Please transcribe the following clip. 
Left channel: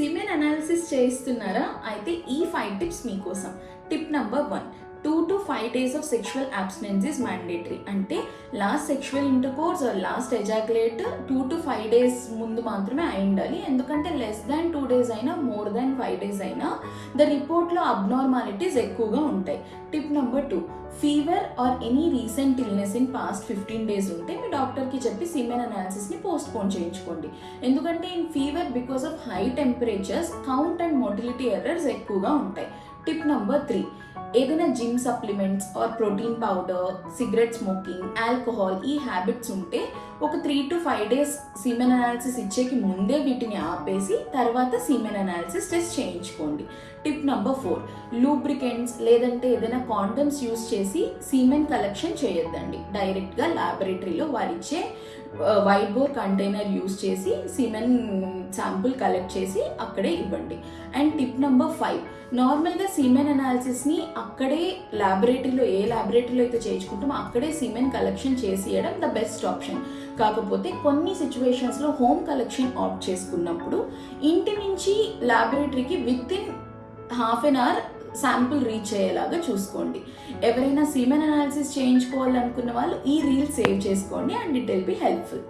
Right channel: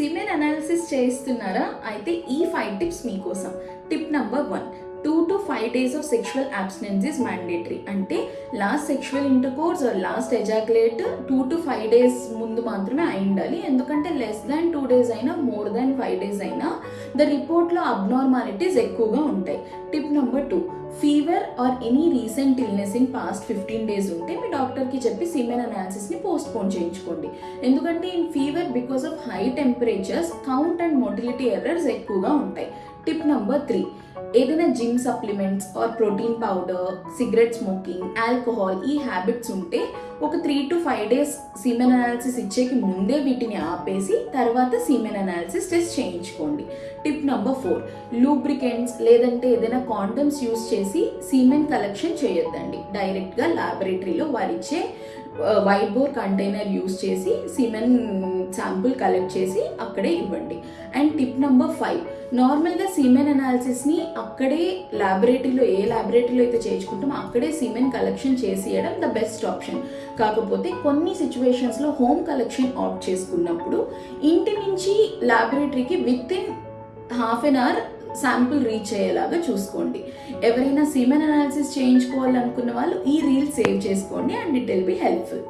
Semen analysis చేయిస్తున్నారా? అయితే ఈ 5 tips మీకోసం. Tip number 1, 2 to 5 days of sexual abstinence is mandatory. అంటే last sexual intercourse or last ejaculate 2 to 5 days ముందు మాత్రమే అయి ఉండాలి. ఎందుకంటే లెస్ దాన్ 2 days అయినా మోర్ దాన్ 5 days అయినా ద రిపోర్ట్లో అబ్నార్మాలిటీస్ ఎక్కువగా ఉంటాయి. Tip number 2, fever or any recent illness in past 15 days ఉంటే మీ డాక్టర్కి చెప్పి సిమెన్ అనాలిసిస్ని పోస్ట్ పోన్ చేయించుకోండి. ఎందుకంటే in fever because of high temperatures count and motility errors ఎక్కువగా ఉంటాయి. టిప్ నెంబర్ 3, ఏదైనా gym supplements or protein powder, cigarette smoking, alcohol ఈ habits ఉంటే ఒక 3 to 5 days సీమెన్ అనాలిసిస్ ఇచ్చేకి ముందే వీటిని ఆపేసి తర్వాత సీమెన్ అనాలిసిస్ టెస్ట్ చేయించుకోండి. టిప్ నెంబర్ 4, లూబ్రికెంట్స్ లేదంటే ఏదైనా కాండమ్స్ యూజ్ చేసి సీమెన్ కలెక్షన్ చేయొద్దండి. డైరెక్ట్గా ల్యాబొరేటరీలో వారిచ్చే వైట్ బోర్ కంటైనర్ యూజ్ చేసి సీమెన్ శాంపుల్ కలెక్ట్ చేసి అక్కడే ఇవ్వండి. అండ్ టిప్ నెంబర్ 5, నార్మల్గా సీమెన్ అనాలిసిస్ని అక్కడే ల్యాబొరేటరీలో ఏ ల్యాబొరేటరీలో అయితే చేయించుకుంటామో అక్కడే సీమెన్ కలెక్షన్ చేసేయడం ద బెస్ట్ ఆప్షన్. కాకపోతే కొన్ని సిచ్యువేషన్స్లో హోమ్ కలెక్షన్ ఆప్ట్ చేసుకున్నప్పుడు ఇంటి నుంచి ల్యాబొరేటరీకి with in half an hour sample reach అయ్యేలాగా చూసుకోండి. ఎవరైనా సీమెన్ అనాలిసిస్ చేయించుకోవాలనుకున్న వాళ్ళు ఈ రీల్ సేవ్ చేసుకోండి and it will be helpful.